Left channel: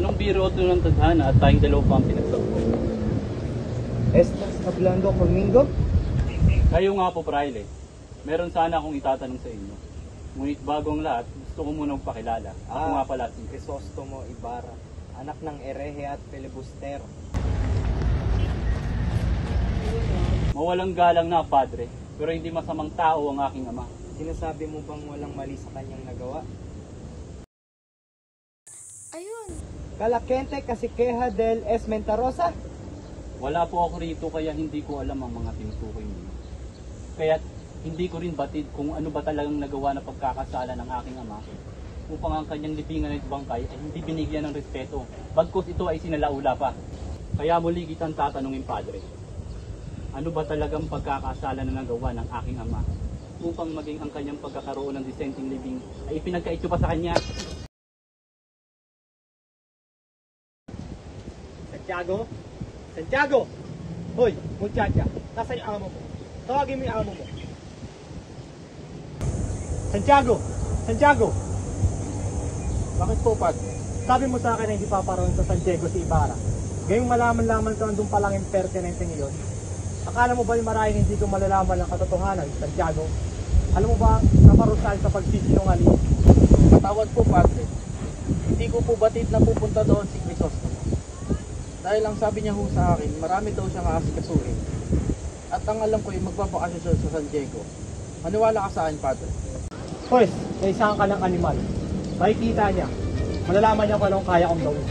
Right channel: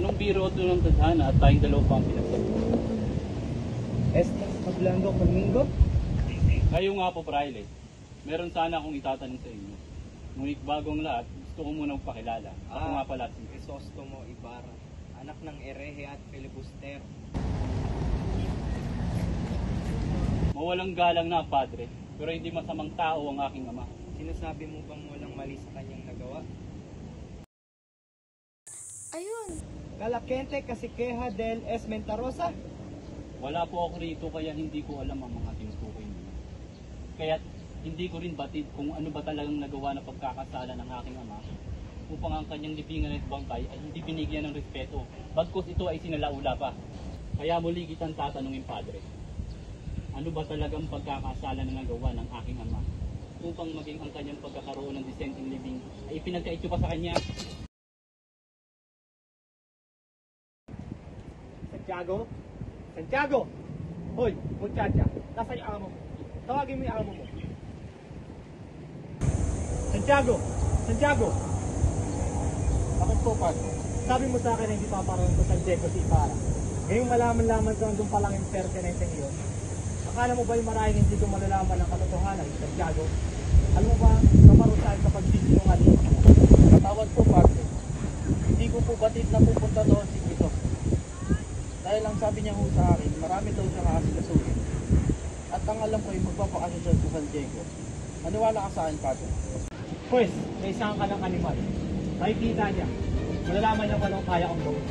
Anong biro ito ng tadhana at tayong dalawa pa ang pinagtagpo? Estas hablando conmigo? Kayo nga po, Fraile. Meron sana akong itatanong sa inyo. Ngunit bagong lahat, gusto ko muna magpakilala. Ako nga pala si Crisostomo Ibarra, anak ng Erehe at Filibustero. Mawalang galang na, Padre, pero hindi masamang tao ang aking ama. Sinasabi mo bang walang mali sa kanyang nagawa? Ayun! Kalakente kasi queja del Esmentarosa? Wala po ako rito kaya hindi ko alam ang mga tinutukoy niyo. Kaya hindi ko rin batid kung ano ba talagang nagawa na pagkakasala ng aking ama upang ang kanyang libingan at bangkay ay hindi binigyan ng respeto, bagkus ito ay sinalaula pa. Kaya muli kitang tatanungin, Padre, ano ba talagang pagkakasala na nagawa ng aking ama upang maging ang kanyang pagkakaroon ng disenteng libing ay ipinagkaitso pa sa kanya? Santiago? Santiago! Hoy, muchacha, nasaan yung amo mo? Tawagin mo yung amo mo. Santiago! Santiago! Bakit po, Pat? Sabi mo sa akin na hindi paparoon sa San Diego si Ibarra. Ngayong malaman-laman ko nandun palang impertinente ngayon. Akala mo ba yung maraming hindi ko malalaman ang katotohanan, Santiago? Alam mo ba sa marusal sa pagsisinungaling? Patawad po, Padre. Hindi ko po batid na pupunta doon si Crisostomo. Dahil ang sabi niya ho sa akin, marami daw siya aasikasuhin. At ang alam ko ay magpapakasya siya sa San Diego. Maniwala ka sa akin, Padre. Pues, may isang ka ng animal. Makikita niya. Malalaman niya kung anong kaya kong gawin.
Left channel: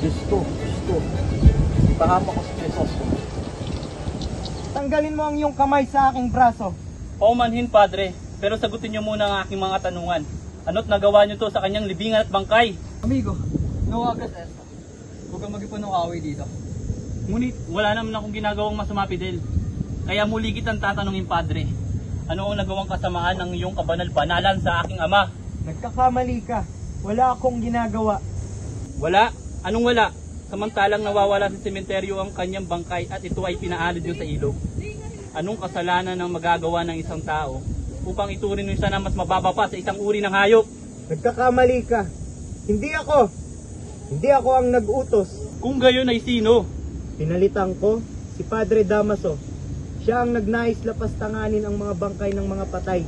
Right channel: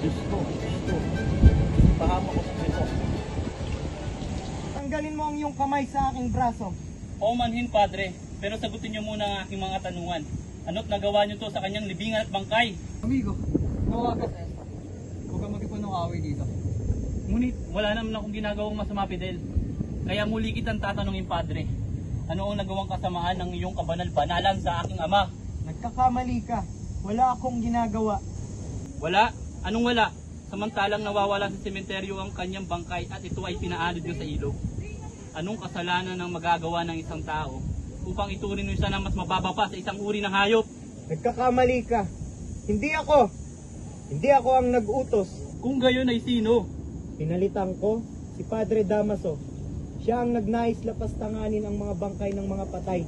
Diyos ko. Pahama ko si Crisostomo. Tanggalin mo ang iyong kamay sa aking braso. Paumanhin, Padre, pero sagutin niyo muna ang aking mga tanungan. Ano't nagawa niyo to sa kanyang libingan at bangkay? Amigo, nawagas esa. Huwag kang mag-ipon ng away dito. Ngunit wala naman akong ginagawang masama, Fidel. Kaya muli kitang tatanungin, Padre. Ano ang nagawang kasamaan ng iyong kabanal-banalan sa aking ama? Nagkakamali ka. Wala akong ginagawa. Wala? Anong wala? Samantalang nawawala sa sementeryo ang kanyang bangkay at ito ay pinaalid niyo sa ilog. Anong kasalanan ng magagawa ng isang tao upang ituring niyo siya na mas mababa pa sa isang uri ng hayop? Nagkakamali ka. Hindi ako. Hindi ako ang nag-utos. Kung gayon ay sino? Pinalitan ko si Padre Damaso. Siya ang nagnais lapastanganin ang mga bangkay ng mga patay.